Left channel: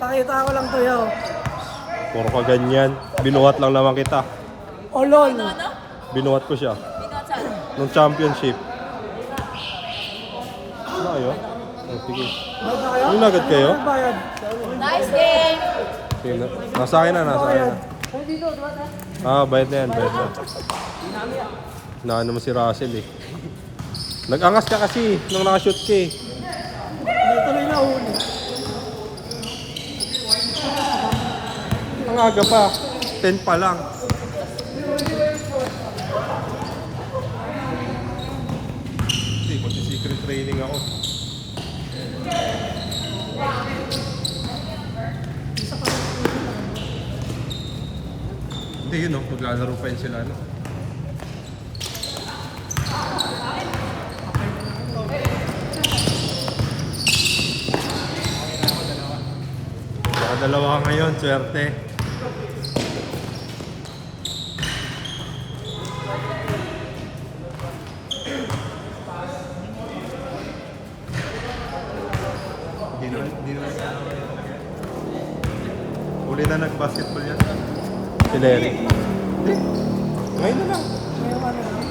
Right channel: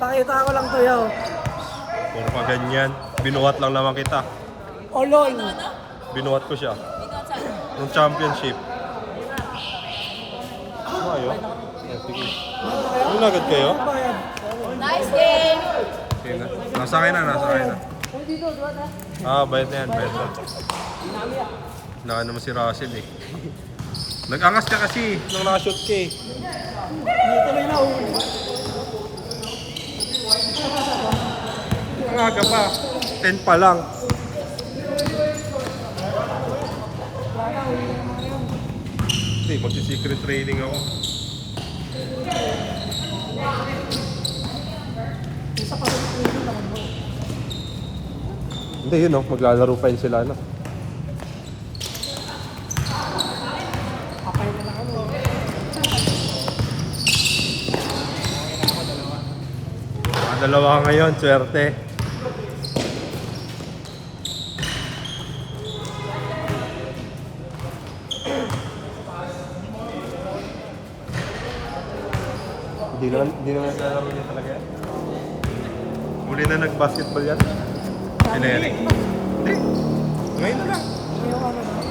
Pakita ko lang to yaw. Puro ka ganyan. Binuhat lang naman kita. Oh lol. Binuhat ko siya. Ng championship. Ayun. Sige. Ano agad kayo? Nice game! Sige na. Nasa akin na. Bayad na yan. Naan naman si Russell eh. Nag-angas ka kasi nung nakashoot ka eh. Tuloy na. Ang aga pa. 10 pa lang. Hindi, magsi-secret training ako. Hindi, yun maglalaro pa yun sila, no? Dalawa ngayon, swerte. Hindi naman nalaro niya talaga. Uli na nag-basketball yan. Si Lenny. Hindi. Ngayon na lang.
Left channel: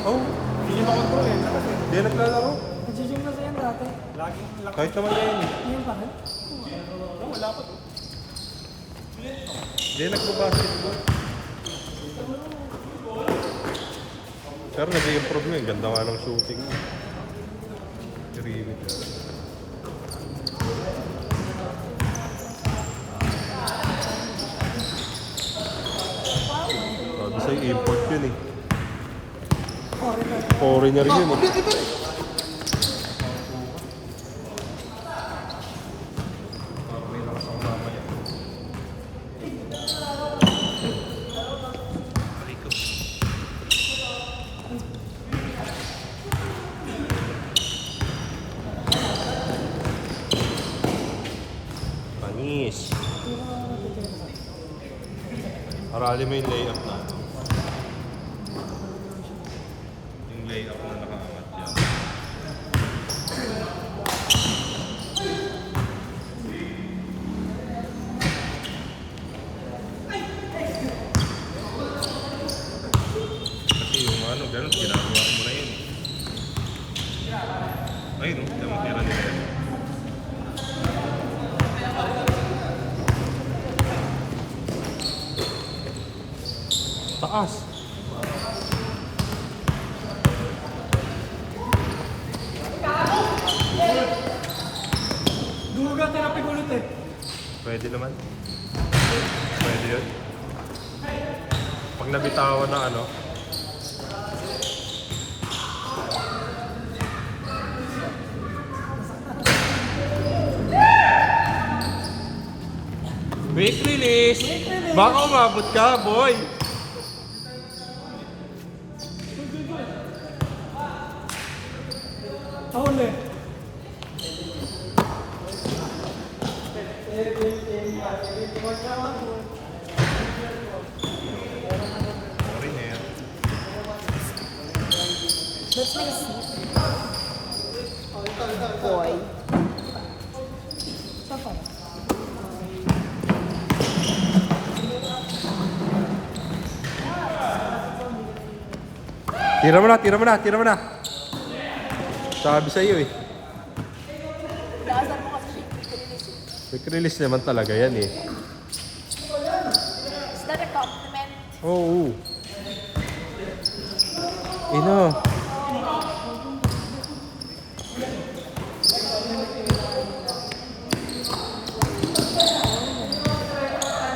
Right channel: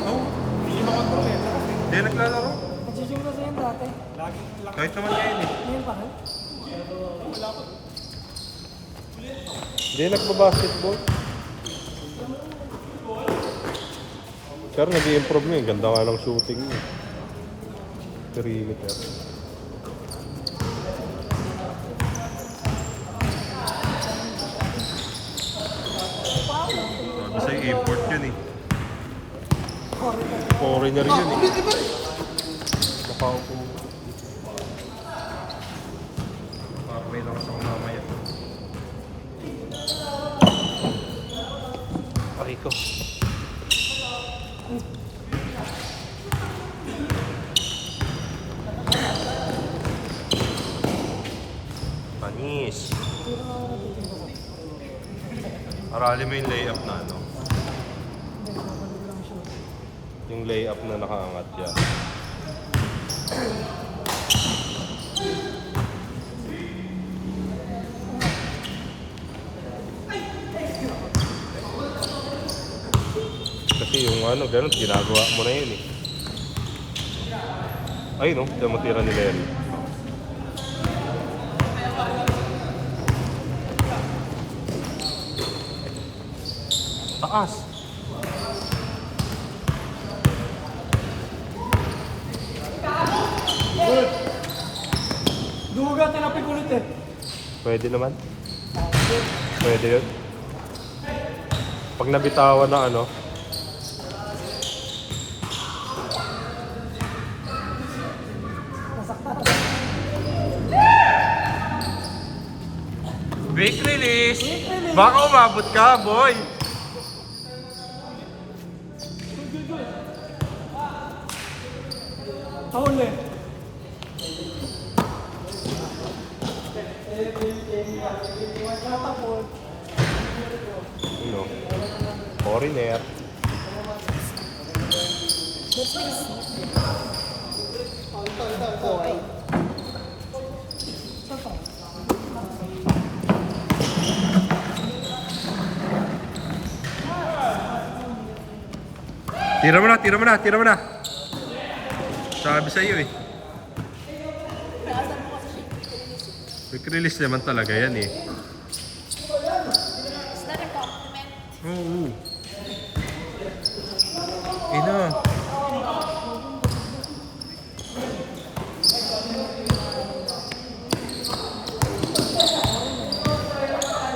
Oh. Hindi naglalaro. Nagsising na sa'yo dati. Kahit naman ngayon eh. Ngayon pa. Hindi nagbabasketball. Pero nag-i-improve niya. Ganda nga lang shooting niya. Karilit. Sabi sa'yo, import yun eh. Foreigner yun eh. Napaupo ka. May lang sa mamaya. Pariko. Anis. Marali mo yung layup na ano. Yung layup na nakaangat dyan. Kasi yung ano, ganun, ginagawa mo na yun eh. Ay no, damatiran nila yun. Taas! Duga, tinapin ko ulit eh. Pwede naman. Pwede yun. Pag nabitawan ng ano, quick release! Baka umabot ka, boy! Taon eh. Foreigner. Let's make a seat. Boy. Tira mo na! Sabi sa'yo eh. Laasan mo kasi siya. Quick release naman talaga yan eh. Is that a compliment? Oo. Ino.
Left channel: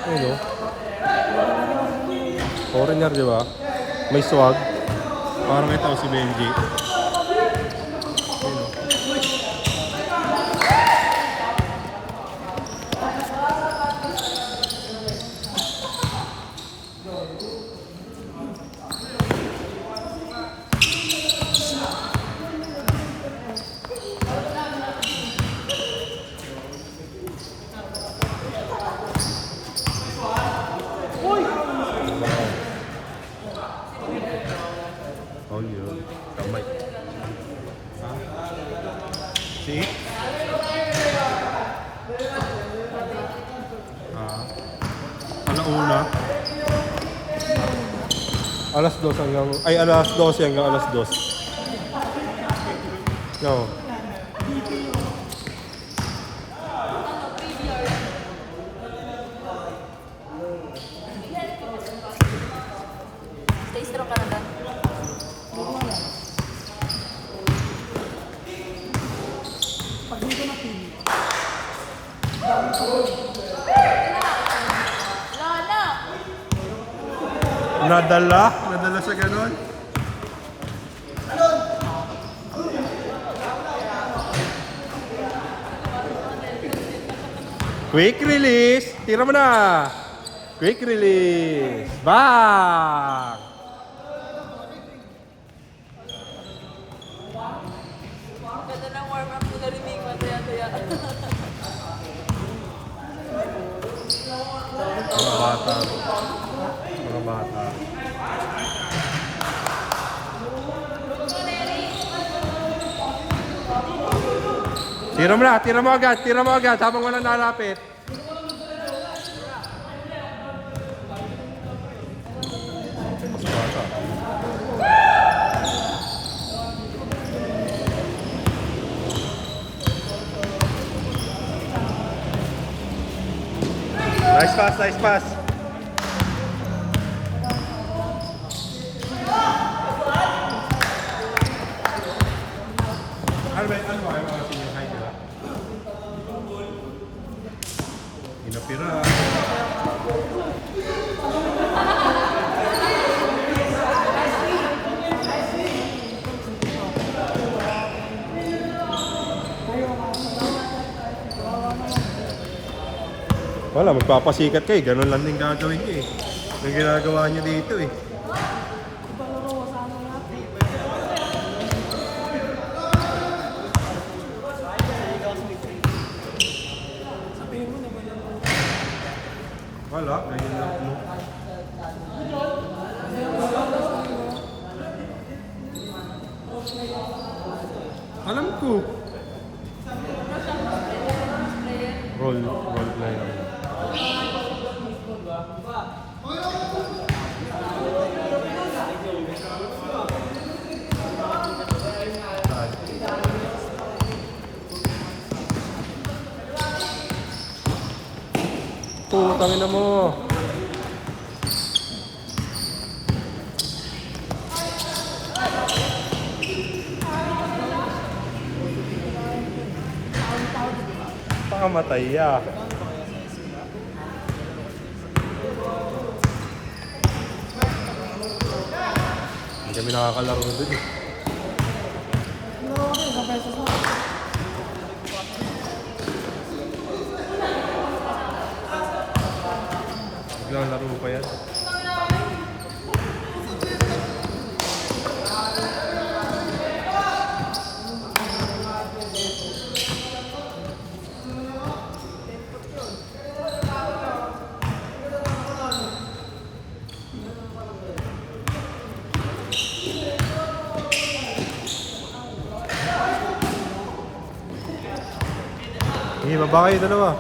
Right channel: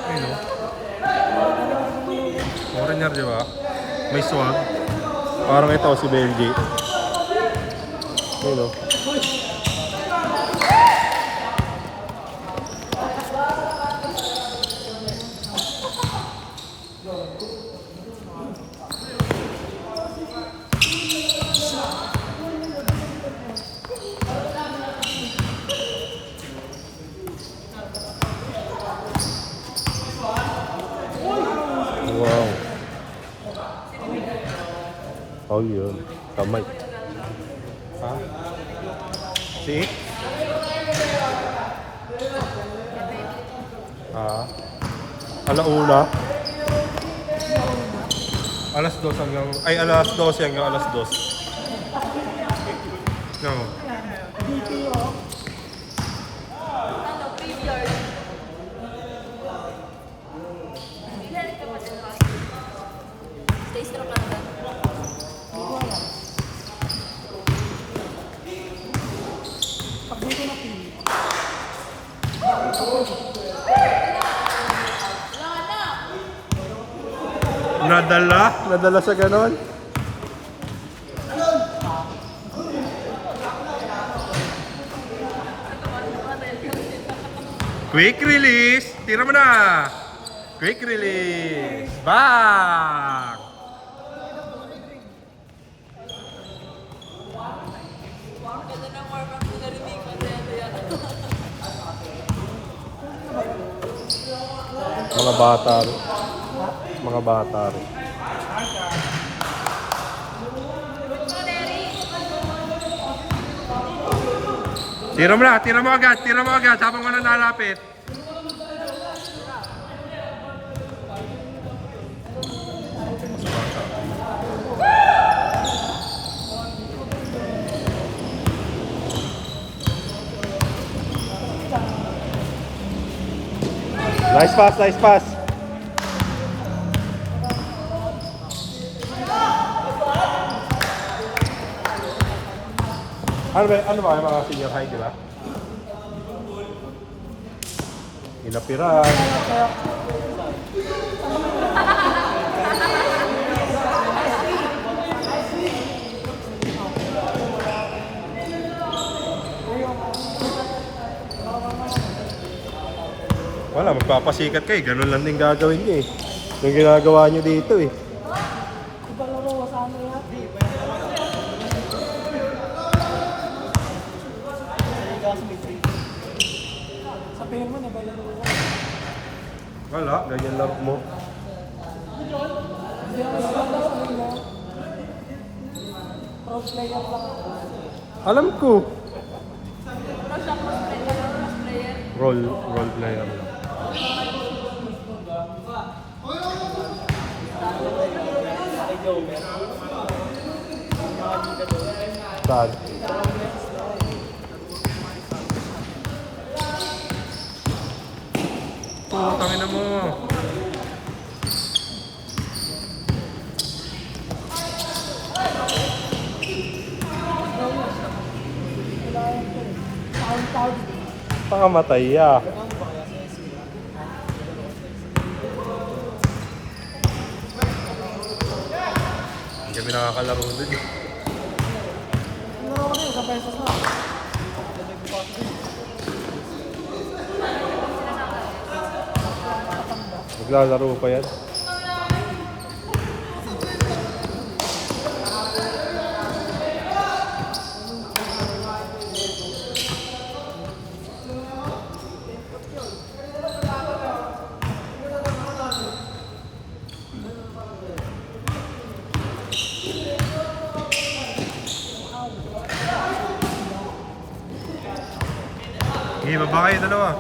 Ino. Foreigner, di ba? May swag. Parang ito si Benji. Ino. Oh, yun. Kamay. Ha? See? Alauna. Alas 2 hanggang... Ay, alas 12 hanggang alas 2. Yo. Stay strong ka na ba? Nadala sa ganon. Quick release. Tira mo na. Quick release. Bang! Ganda ng warm-up ko narinig ko. Mga bata. Mga bata. Tira mo agad habang walang lalapit. Nice pass. Ano ba yung mga senior high, di ba? Inapiran. Wala, magpapasikat kayo. Ganun lang din gagawin nyo eh. Yung ginagawa nyo dito eh. Wala, ganyan lang mo. Alam ko. Role player lang. Saan? Tangin na mo. Pangamatay ya. Hindi kami nakakalaro din eh. Naglalaro pa yan. Sige, baba kayo dalawa.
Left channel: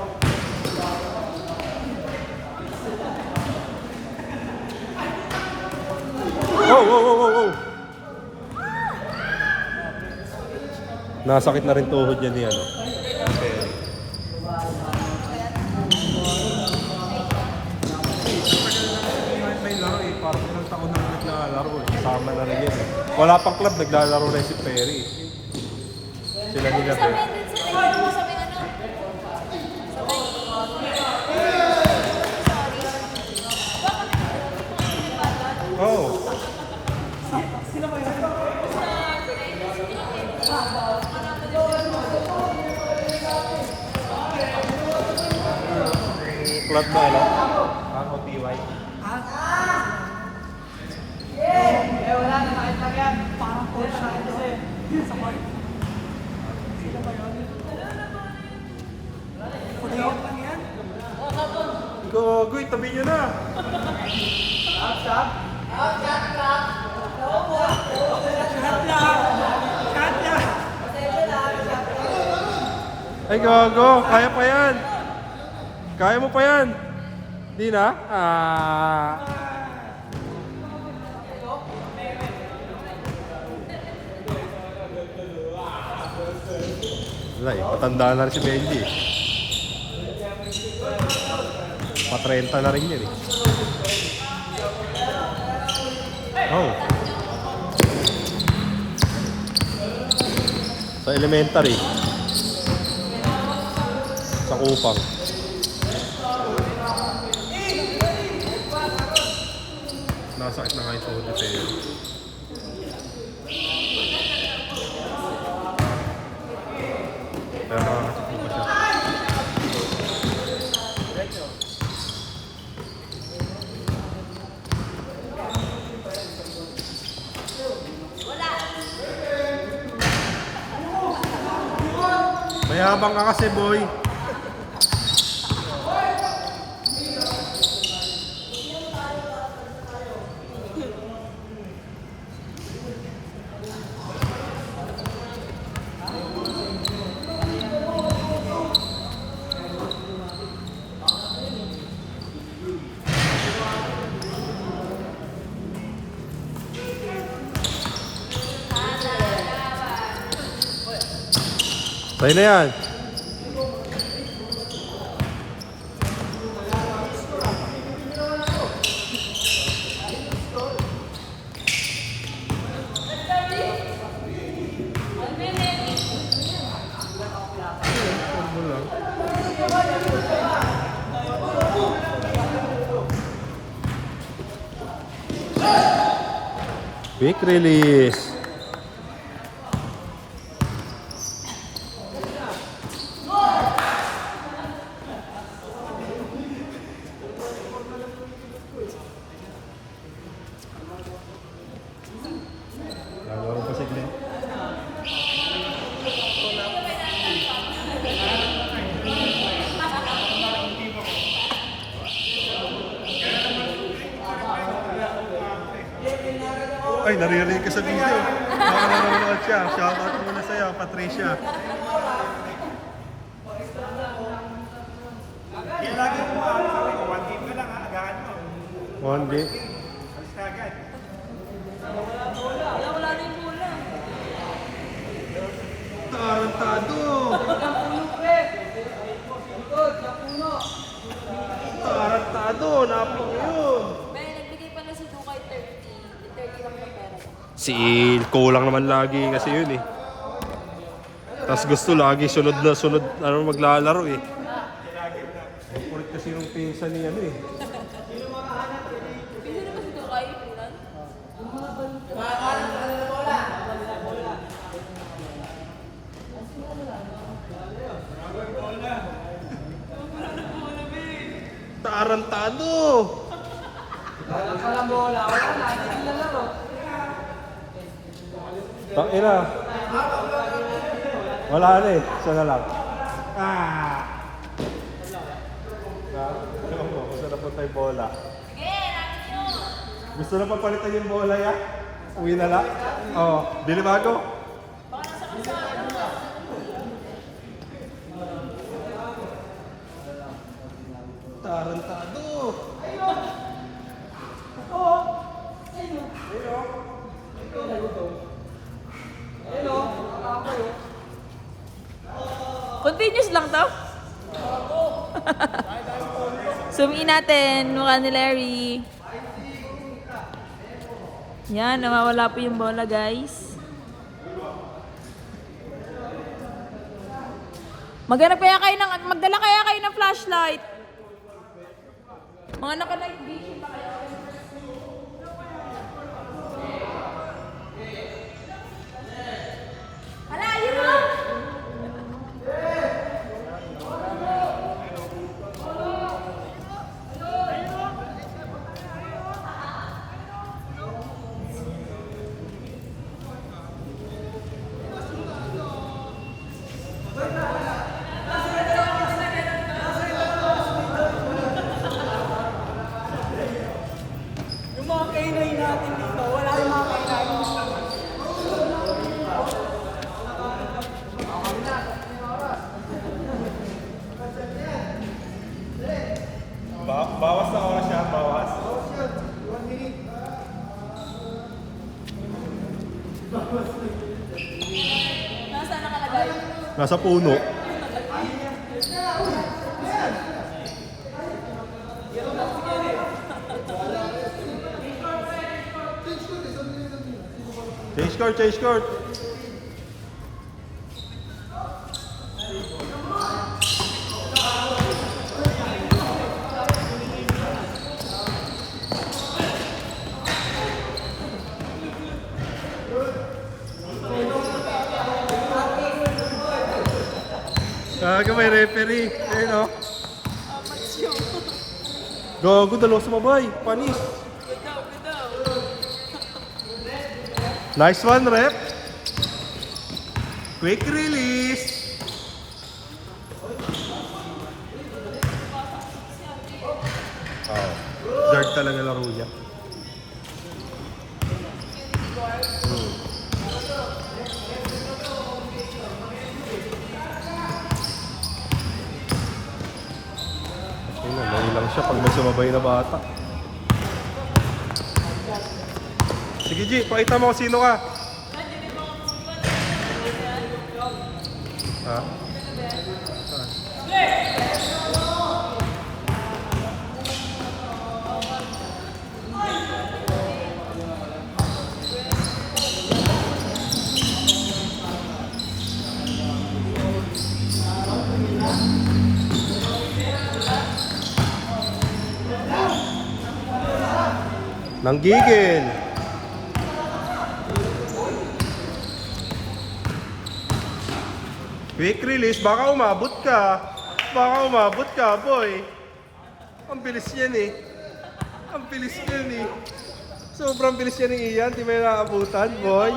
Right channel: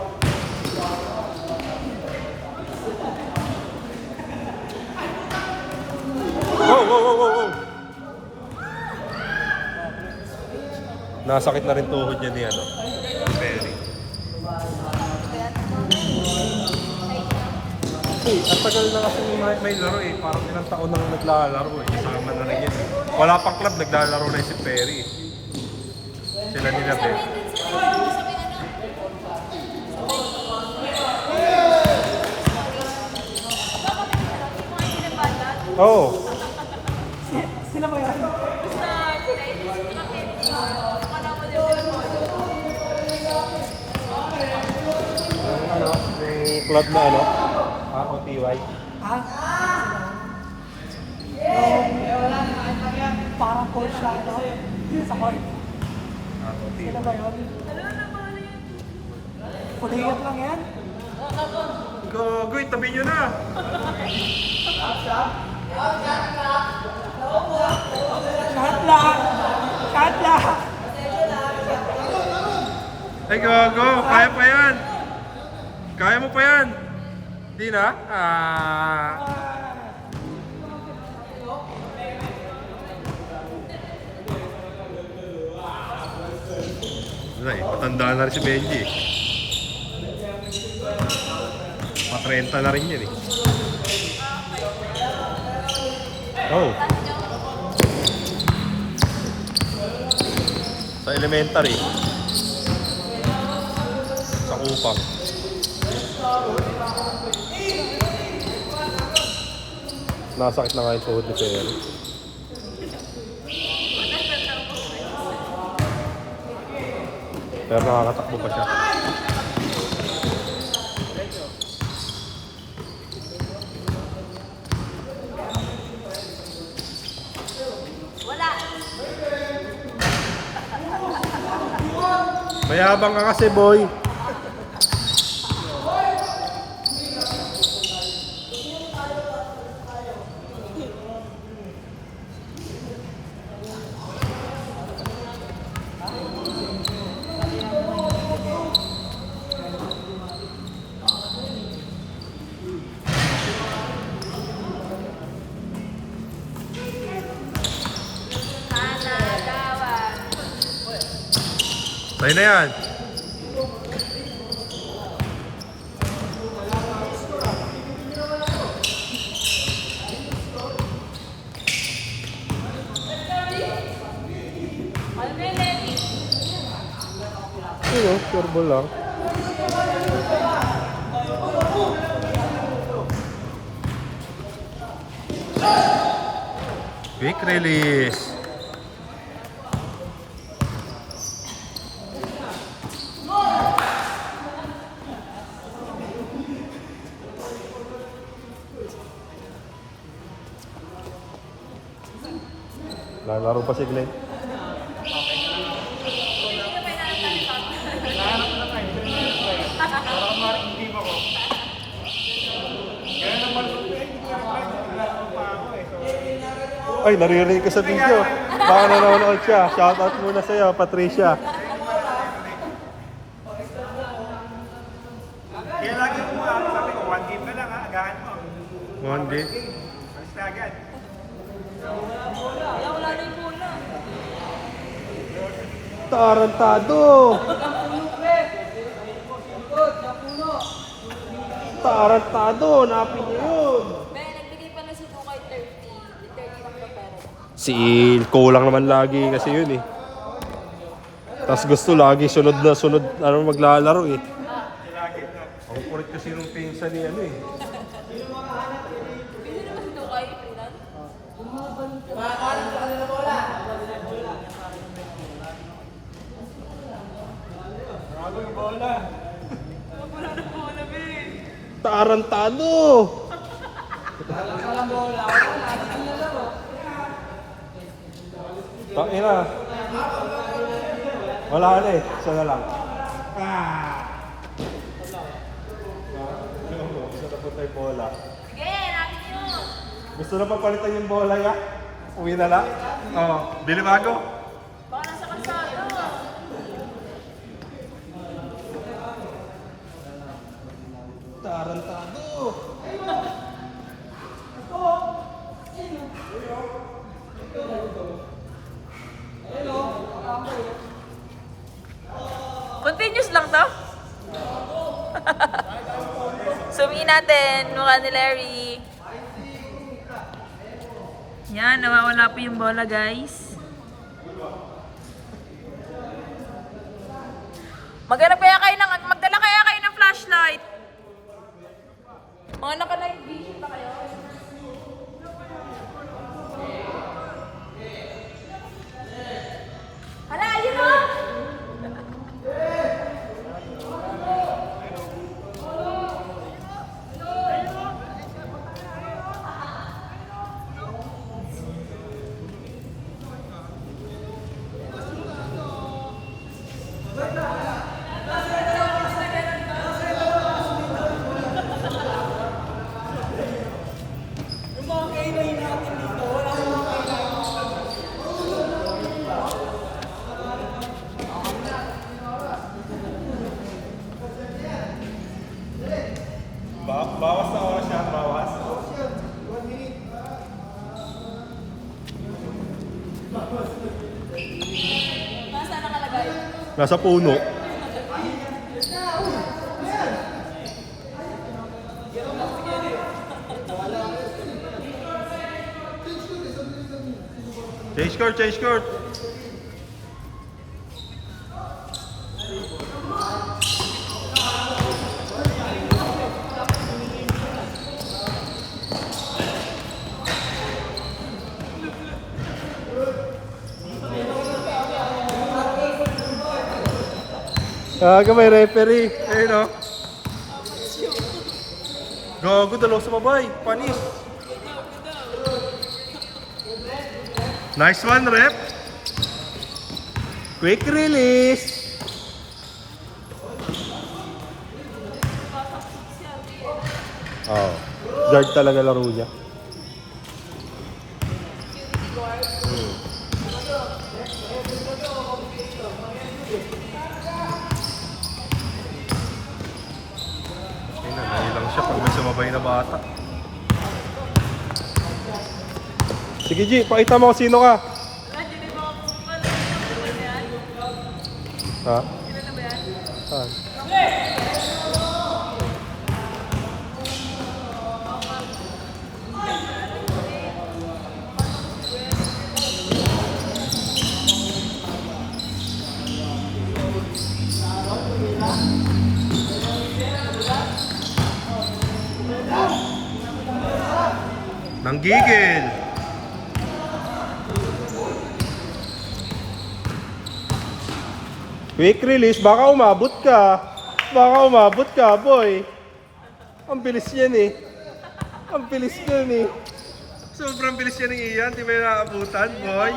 Nasakit na rin tuhod niya niyan. Perry. Ang tagal na kasi may laro eh. Parang ilang taon na naglalaro eh. Kasama na rin yan. Wala pang club, naglalaro na si Perry. Sila nila Perry. Oo. Sila ba yan? Club na ano? Ako TY. Parang coach na kasi sa court. Ako Sila TY. ba yun? Pudiyot lang yan? Gogoy, tabi nyo na! Shot lang! Ay, gogo! Kaya pa yan! Kaya mo pa yan! Di na? Wala eh, matanda na rin si Benji eh. Pa-30 na rin yan eh. Oh. Sa elementary. Sa upang. Nasakit na nga yung tuhod ni Perry. Pero makakatakbo pa siya. Mayabang ka kasi, boy. Sa'yo na yan. Ayun, turbo lang. Quick release. Lalaro pa si Glenn. Ay, naririnig ka sa video. Baka nanonood siya. Shoutout muna sa'yo, Patricia. One game. Tarantado! Tarantado! Napin yun! May nagbigay pa na si Tukay 30. 30 kami pero. Si kulang naman lagi kasi yun eh. Tapos gusto lagi sunod na sunod ano maglalaro eh. Ang kulit kasi yung pinsa ni ano eh. Pwede naman si Tukay ipunan. Tarantado! Ina. Wala na eh. Isa na lang. Gusto na po tayo bola. Sige, natin yun. Gusto na pa palitan yung bola ya? Uwi na lang? Oo. Bili bago? Baka nasa kasa. Tarantado! Continuous lang to? Zoom in natin, mukha ni Larry. Yan, nawawala po yung bola guys. Magdala kaya kayo ng flashlight. Mga naka na yung vision pa kayo. Hala, ayun mo! Yung mga kainay natin Bawas na oras yan, bawas. Nasa nakalagay? Nasa puno. Change court, change court. May referee. Ayun o. Gago, dalawa sa babay. Panis. Nice one, rep. Quick release. Oh, guard talaga laro niya. Lang siya kung may sumabay na bata. Sige G, pakita mo kung sino ka. Ha? Nanggigil. Quick release, baka umabot ka. Baka umabot ka, boy. Ang bilis yan eh. Ang bilis yan eh. Sobrang bilis yan ni Ian. Di ba yung nakaabutan, boy?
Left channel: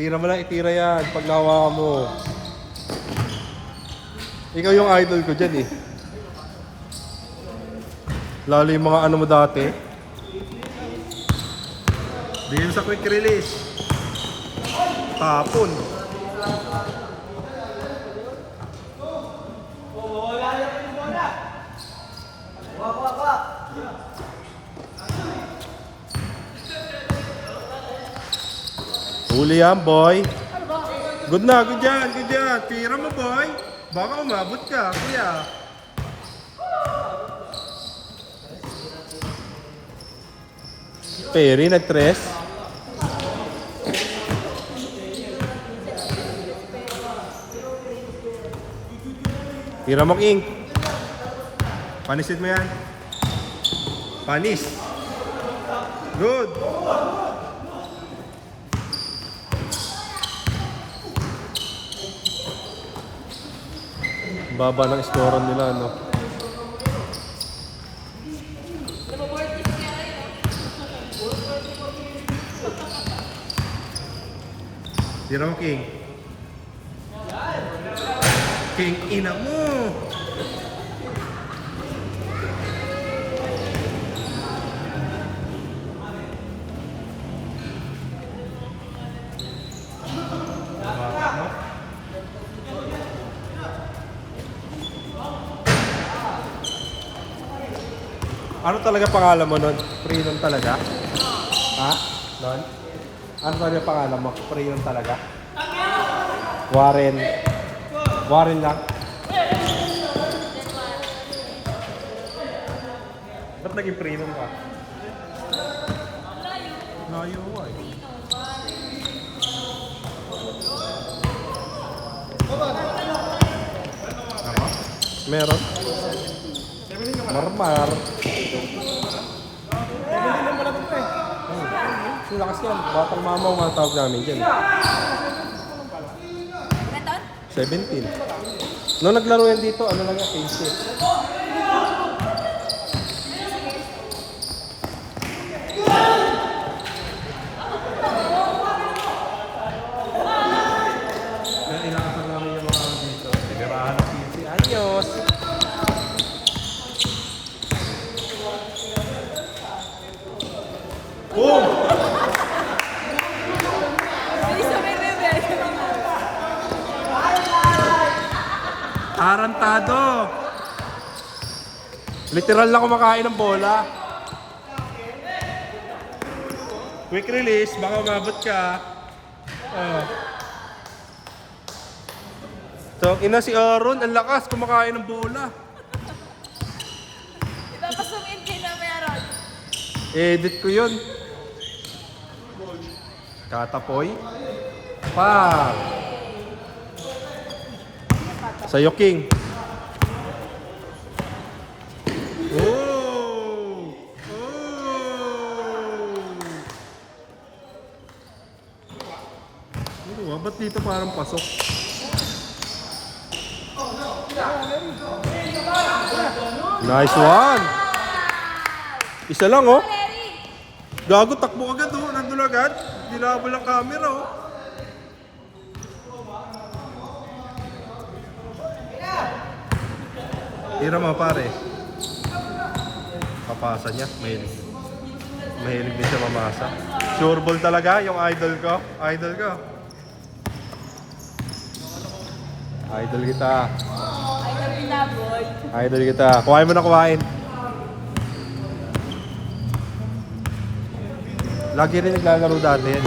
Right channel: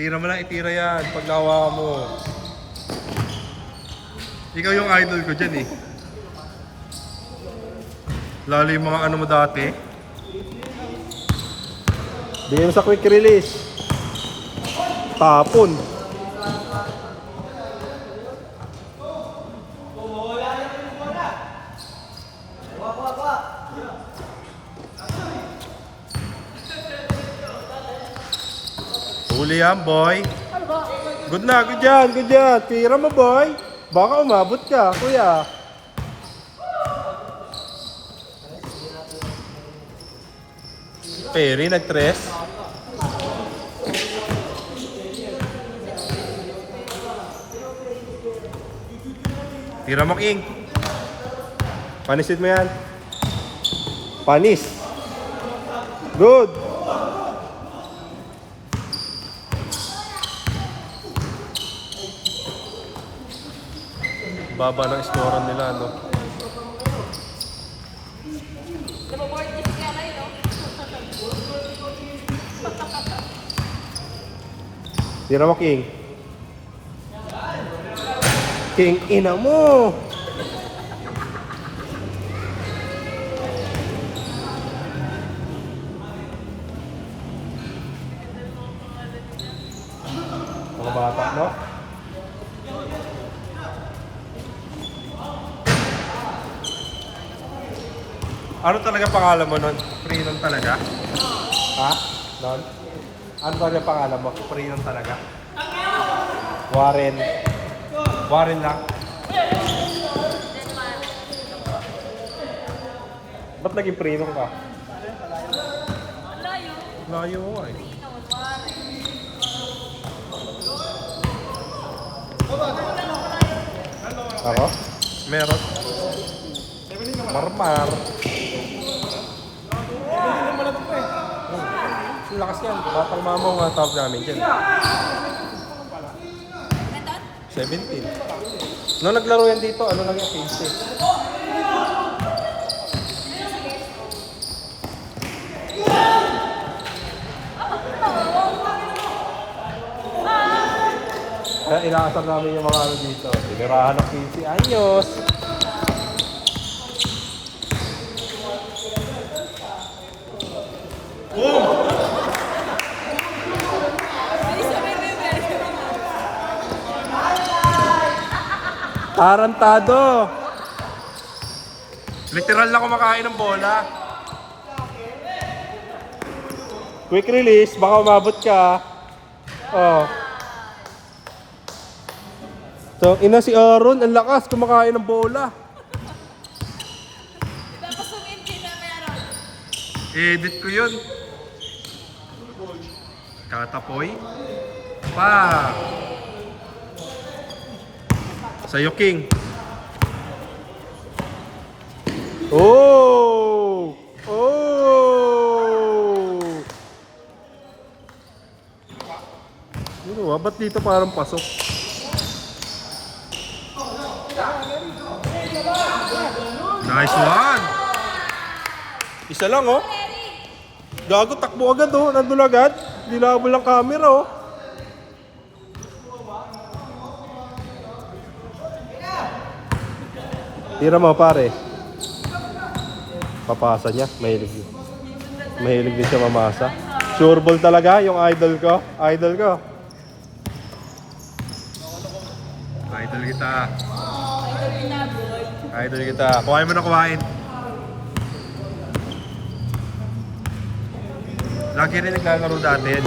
Tira mo lang, itira yan. Pag nakuha mo. Ikaw yung idol ko dyan eh. Lalo yung mga ano mo dati. Bigyan sa quick release. Tapon. Huli yan, boy. Good na, good yan, good yan. Tira mo, boy. Baka umabot ka, kuya. Perry, nag-tres. Tira mo, King. Panisit mo yan. Panis. Good. Baba ng scorean nila, no? Tira mo, King. King, ina mo! Mga bata, no? Ano talaga pangalan mo nun? Freedom talaga? Ha? Don? Ano talaga pangalan mo? Freedom talaga? Warren. Warren lang? Ba't naging freedom ka? Layo ko eh. Ako? Meron. Normal. Lakas yan. Wala pang mga tawag namin dyan. 17. Noong naglaro yan dito, ano lang yung 15. Kaya inaasag namin yung mga ano dito. Liberahan ng 15. Ayos! Boom! Tarantado! Literal na kumakain ng bola. Quick release, baka umabot ka. Oh. So, ina si Aaron, ang lakas, kumakain ng bola. Ipapasungin din na meron. Edit ko yun. Katapoy. Pa. Sa'yo, King. Oh! Oh! Ano ba? Ba't dito parang pasok? Nice one! Isa lang, oh. Gago, takbo agad, oh. Nandun agad. Dinabol ang camera, oh. Tira mo, pare. Papasa niya. Mahilig. Mahilig din siya mamasa. Sure ball talaga yung idol ko. Idol ko. Idol kita. Idol kita, boy. Idol kita. Kuhain mo na kuhain. Lagi rin naglalaro dati yan.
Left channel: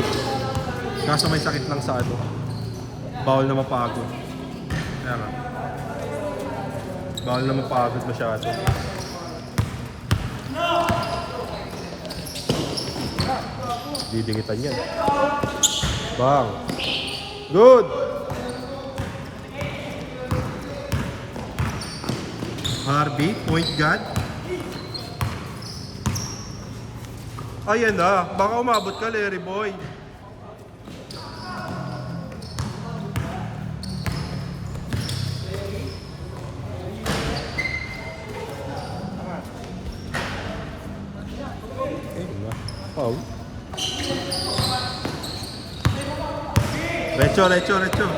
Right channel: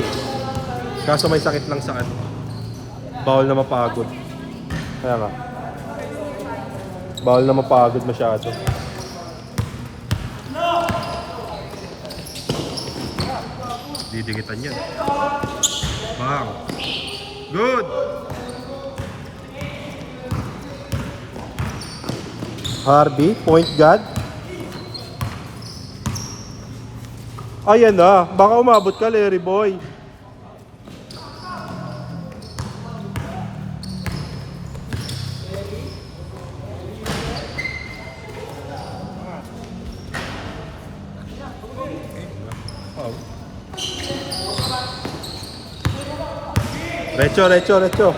Kaso may sakit lang sa ano. Bawal na mapagod. Kaya nga. Bawal na mapagod masyado. Didikitan yan. Bang. Good. Harvey, point guard. Ayan na. Baka umabot ka, Larry Boy. Oh. Recho, recho, recho.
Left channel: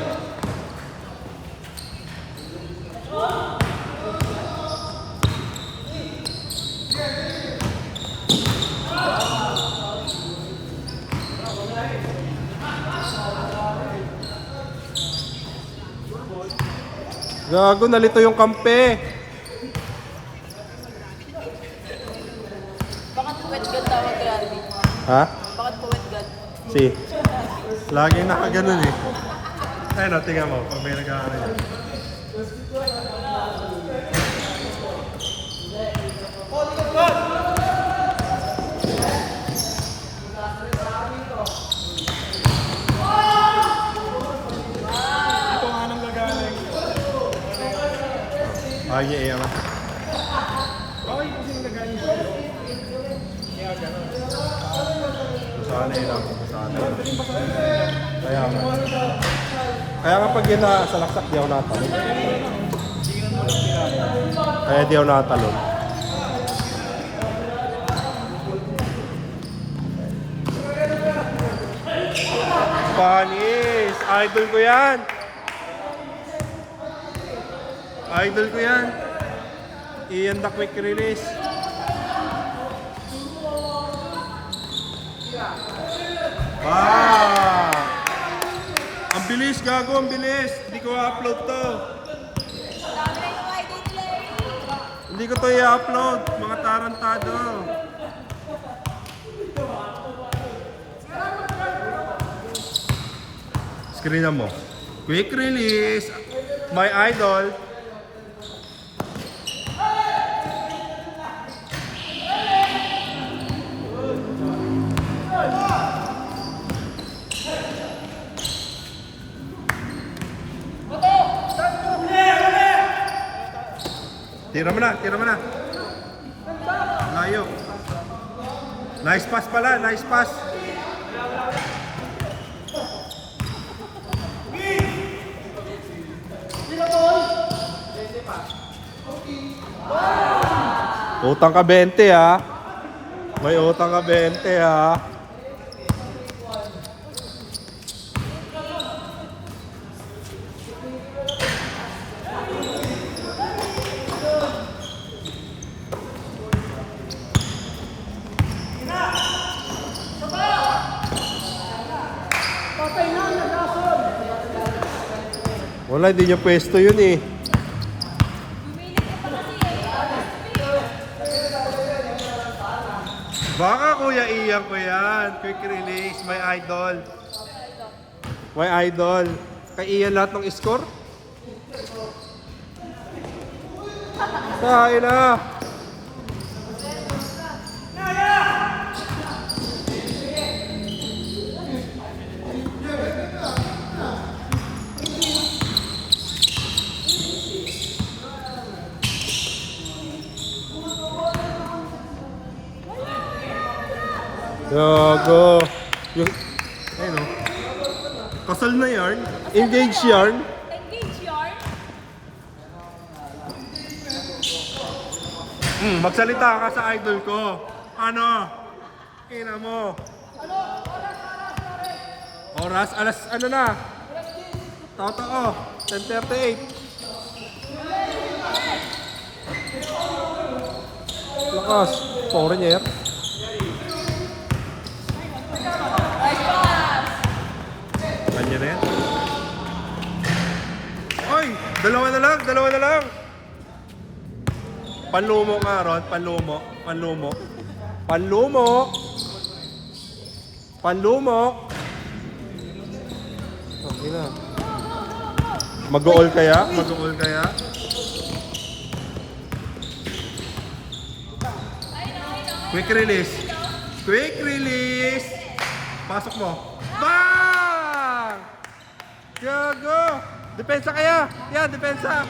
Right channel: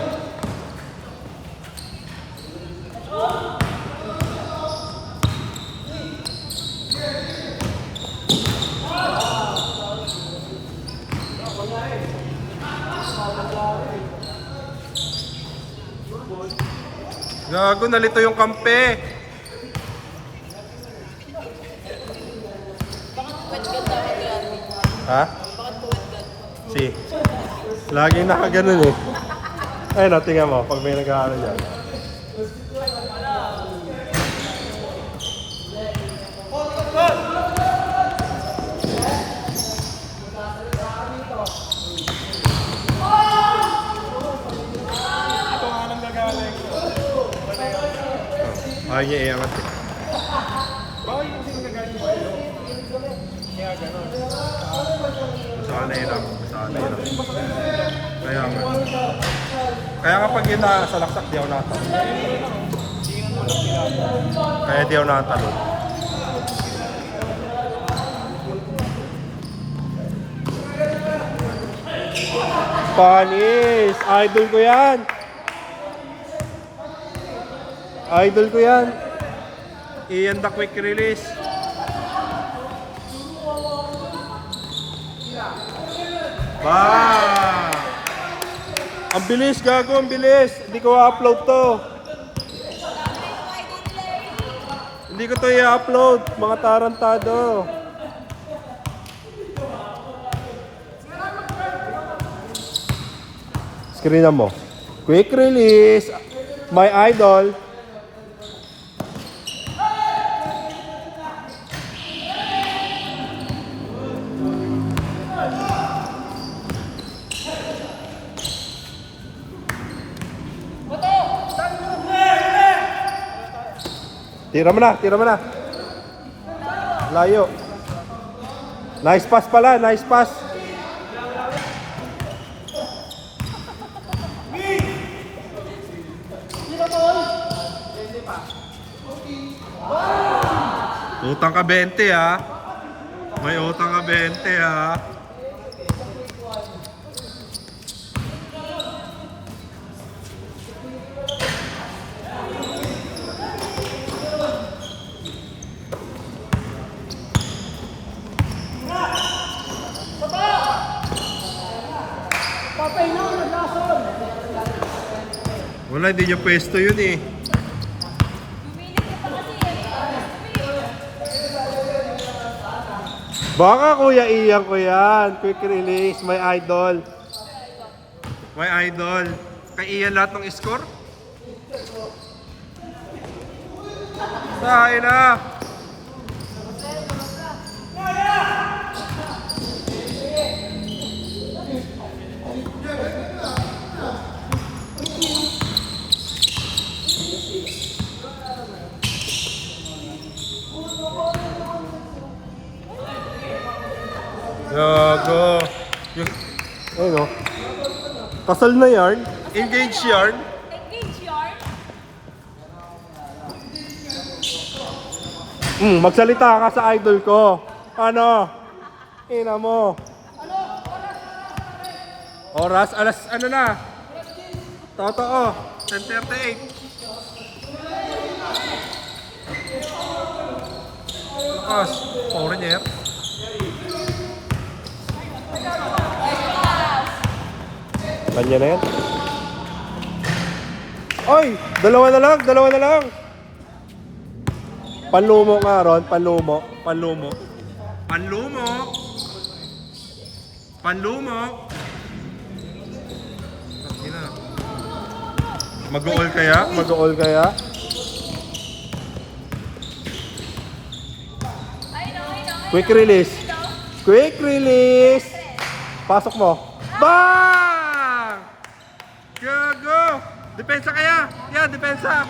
Gago, nalito yung kampe. Bakit puwet god tawag kay Arvin? Ha? Bakit puwet god? Si. Laging nakaganon eh. Ayun o, tingnan mo, pag may nag-aaral yan. Ayaw niya iangat. Masanay lang, masanay lang. Kaya nga. Kaya kapag yan na sa laksak, di ako nakatalong. Kaya di ako nakatalong. Panis! Idol ko yan! Idol ko yan! Iyan the quick release. Bang! Ang bilis, gago, ang bilis. Hindi ko i-upload to. Hindi ko to i-upload, mga tarantado. Screenan mo. Quick release. My idol. Tira mo na, tira mo na. Layo. Nice pass pala, nice pass. Utang ka 20 ha. May utang ka 20 ha. Wala, hindi niya pwesto yun eh. Baka Kuya Ian ko yan. Quick release, my idol. My idol. Kay Ian lahat ng score? Sahin na. Yago. Yung, ayun o. Kasal na yarn. Engaged yarn. Engage yarn. Magsalita ka sa idol ko. Ano? Ina mo. Oras, alas, ano na? Totoo. 10:38. Lukas. Foreigner. Kanya na yan. Oy! Dalawa na lang. Panlumo nga ron, panlumo. Ina. Mag-all kaya? Quick release. Pasok mo. Bang! Gago! Depensa kaya? Yan, depensa.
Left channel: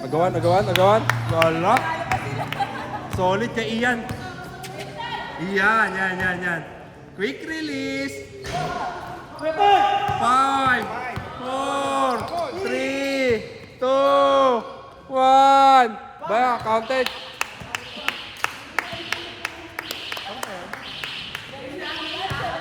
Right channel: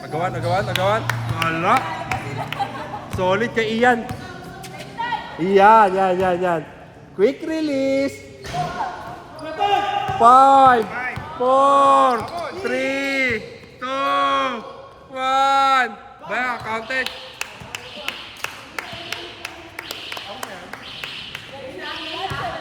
Nagawan. Wala. Solid kay Ian. Yan. Quick release. 5, 4, 3, 2, 1. Back, counted.